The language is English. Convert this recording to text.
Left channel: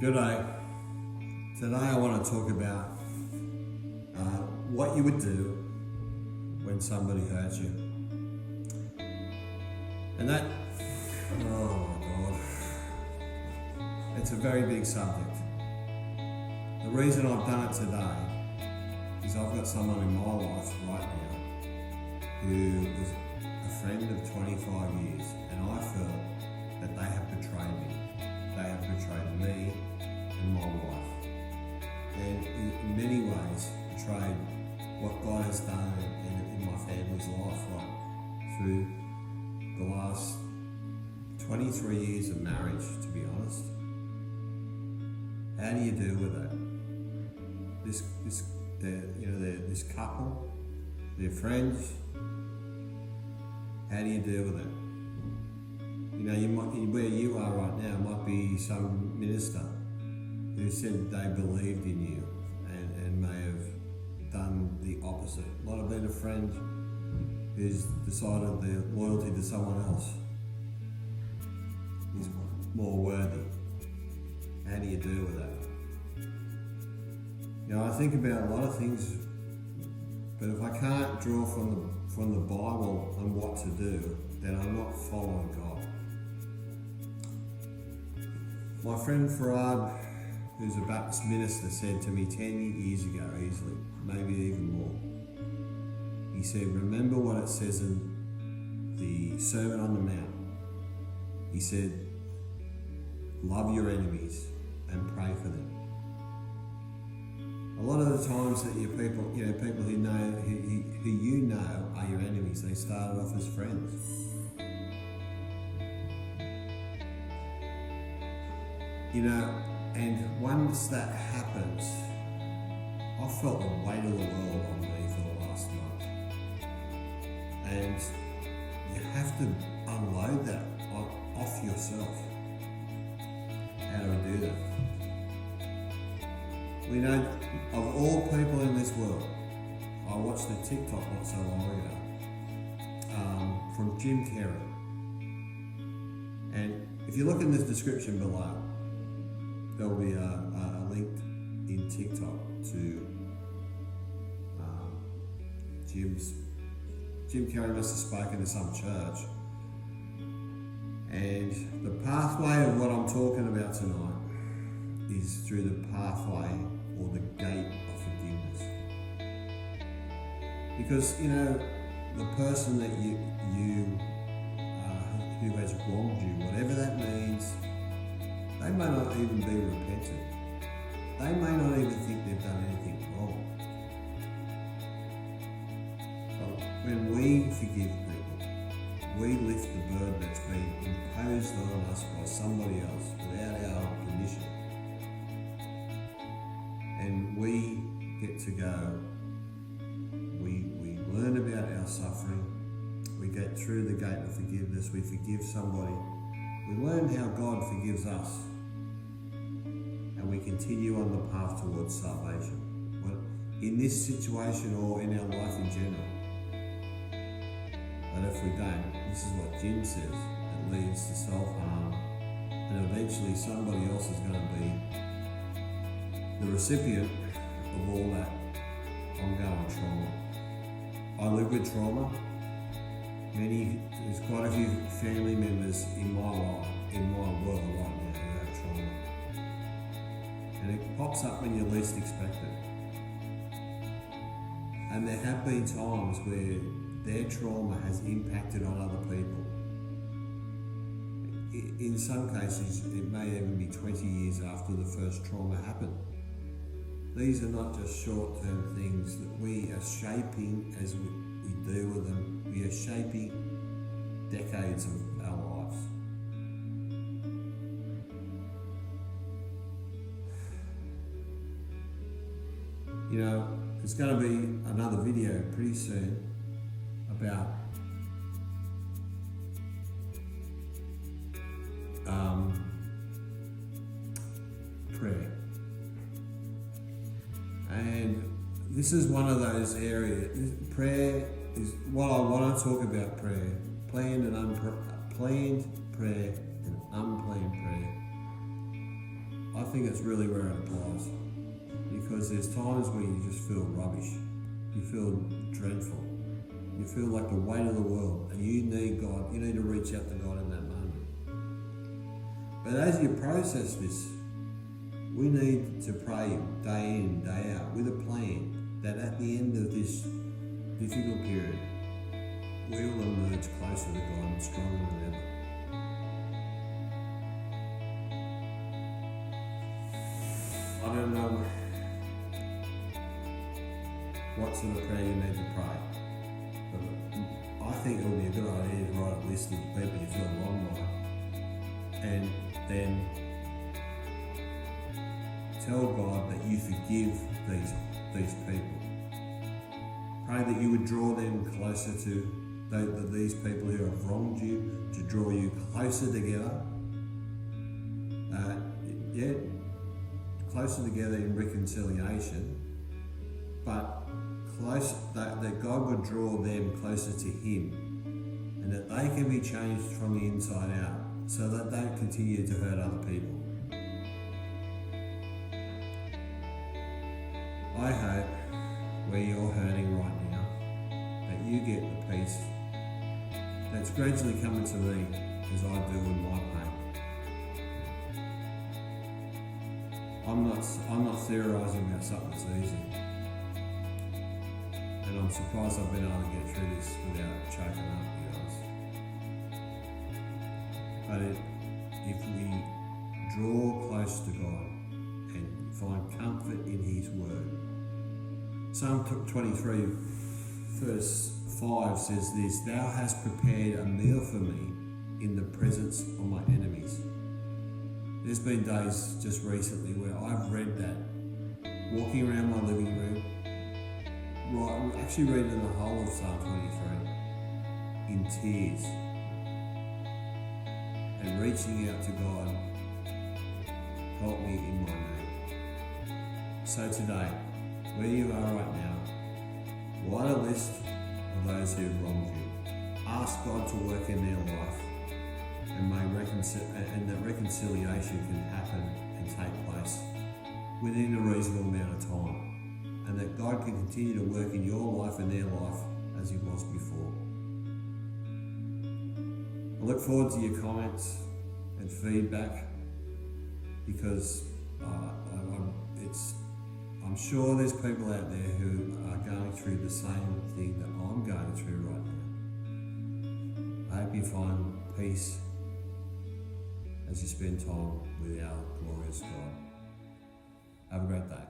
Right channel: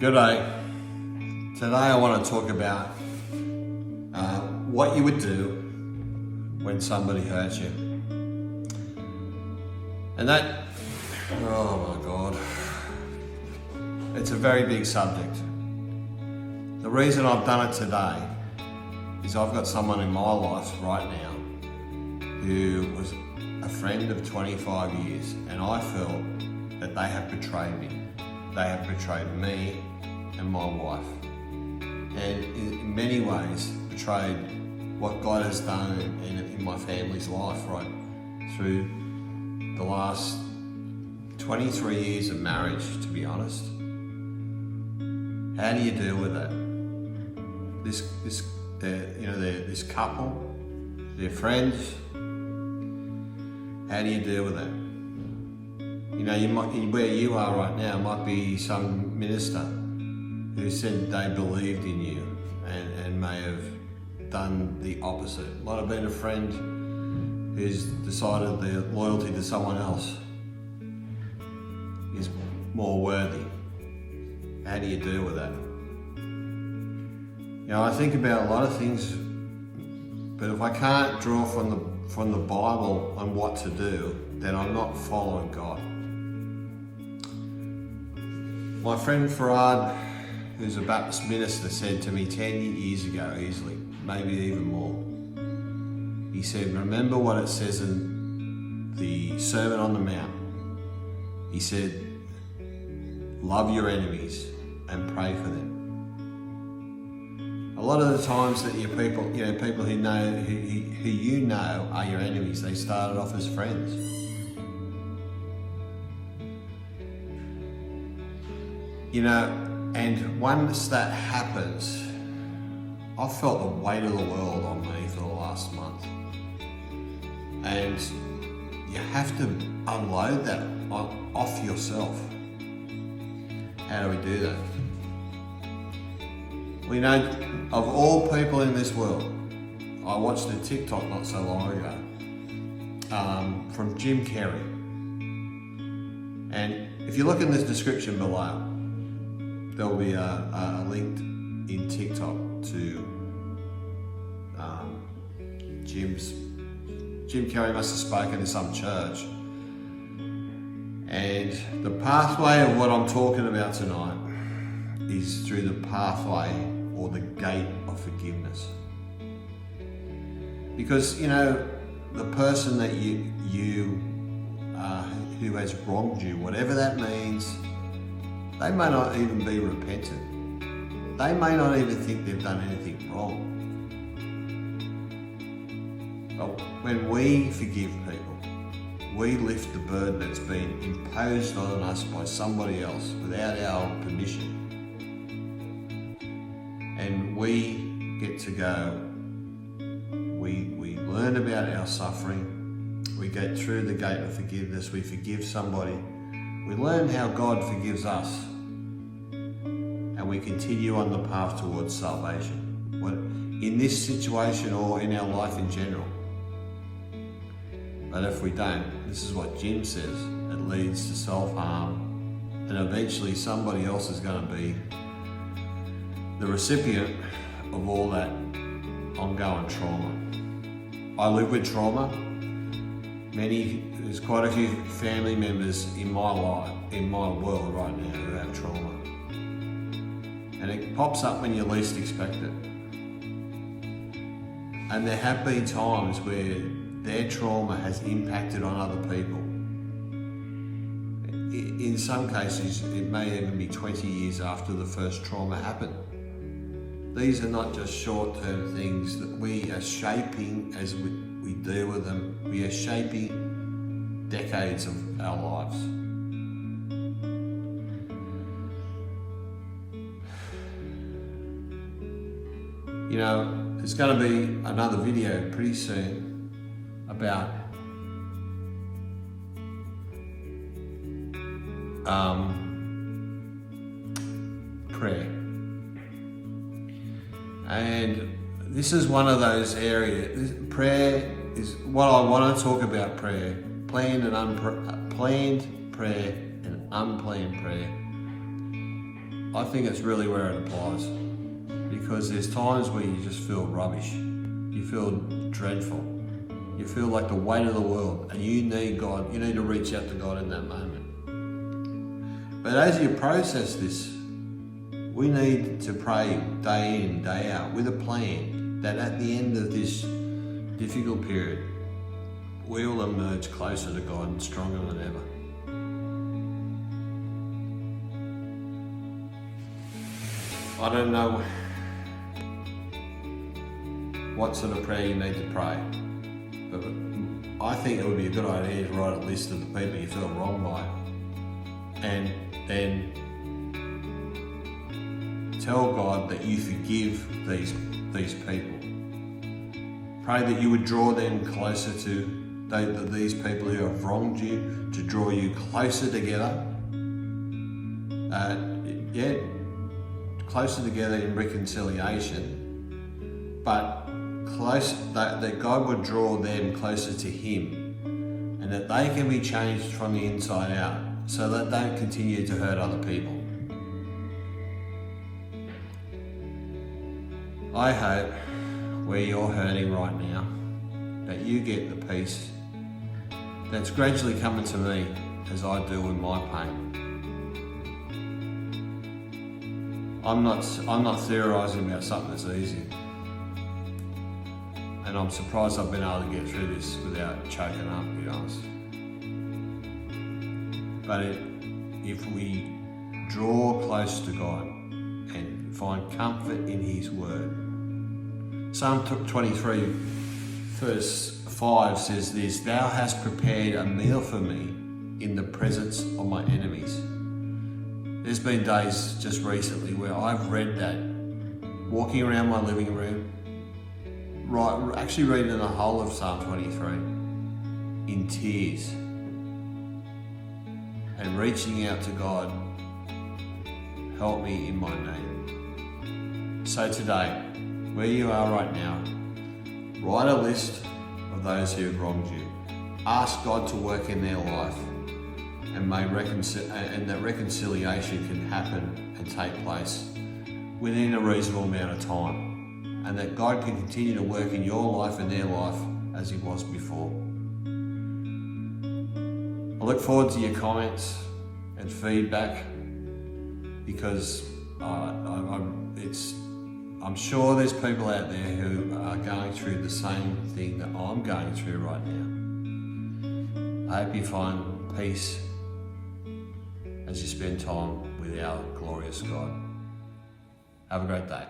Good day. Today I want to talk about what you would do when somebody hurts you. And that, oh my God, it's a very big subject. The reason I've done it today is I've got someone in my life right now who was a friend of 25 years, and I feel that they have betrayed me. They have betrayed me and my wife, and in many ways betrayed what God has done in my family's life right through the last 23 years of marriage, to be honest. How do you deal with that? This couple, their friends, how do you deal with that? You know, you might, where you are right now might be some minister who said they believed in you and may have done the opposite. Might have been a friend who's decided their loyalty to someone else is more worthy. How do you deal with that? You know, I think about a lot of things, but if I can't draw from the Bible on what to do, then I'm not following God. My friend Farad, who's a Baptist minister, said to me 10 years ago, easily, maybe even more. He said, remember what it says in the Sermon on the Mount. He said, love your enemies and pray for them. A lot of the times that your people, people who you know are your enemies, they started off as friends. You know, and once that happens, I felt the weight of the world on me for the last month. And you have to unload that off yourself. How do we do that? We know of all people in this world, I watched a TikTok not so long ago from Carey. And if you look in the description below, there'll be a link in TikTok to Jim Carey must have spoken to some church. And the pathway of what I'm talking about tonight is through the pathway or the gate of forgiveness. Because, you know, the person that who has wronged you, whatever that means, they may not even be repentant. They may not even think they've done anything wrong. But when we forgive people, we lift the burden that's been imposed on us by somebody else without our permission. And we get to go. We learn about our suffering. We go through the gate of forgiveness. We forgive somebody. We learn how God forgives us, and we continue on the path towards salvation. In this situation or in our life in general. But if we don't, this is what Jim says, it leads to self-harm, and eventually somebody else is going to be the recipient of all that ongoing trauma. I live with trauma. There's quite a few family members in my life, in my world right now who have trauma. And it pops up when you least expect it. And there have been times where their trauma has impacted on other people. In some cases, it may even be 20 years after the first trauma happened. These are not just short-term things that we are shaping as we deal with them. We are shaping decades of our lives. You know, there's going to be another video pretty soon about prayer. And this is one of those areas. Prayer is what I want to talk about. Prayer, planned prayer and unplanned prayer. I think it's really where it applies, because there's times where you just feel rubbish, you feel dreadful, you feel like the weight of the world, and you need God. You need to reach out to God in that moment. But as you process this, we need to pray day in, day out with a plan that at the end of this difficult period, we will emerge closer to God and stronger than ever. I don't know what sort of prayer you need to pray, but I think it would be a good idea to write a list of the people you feel wrong by, and then tell God that you forgive these people. Pray that you would draw them closer to these people who have wronged you, to draw you closer together. Closer together in reconciliation, but that God would draw them closer to Him, and that they can be changed from the inside out, so that they don't continue to hurt other people. I hope where you're hurting right now, that you get the peace that's gradually coming to me as I deal with my pain. I'm not theorising about something that's easy, and I'm surprised I've been able to get through this without choking up, to be honest. But if we draw close to God and find comfort in His Word, Psalm 23 verse 5 says this: "Thou hast prepared a meal for me in the presence of my enemies." There's been days just recently where I've read that, walking around my living room, actually reading the whole of Psalm 23 in tears, and reaching out to God, help me in my need. So today, where you are right now, write a list of those who have wronged you. Ask God to work in their life, and that reconciliation can happen and take place within a reasonable amount of time, and that God can continue to work in your life and their life as He was before. I look forward to your comments and feedback, because I'm sure there's people out there who are going through the same thing that I'm going through right now. I hope you find peace as you spend time with our glorious God. Have a great day.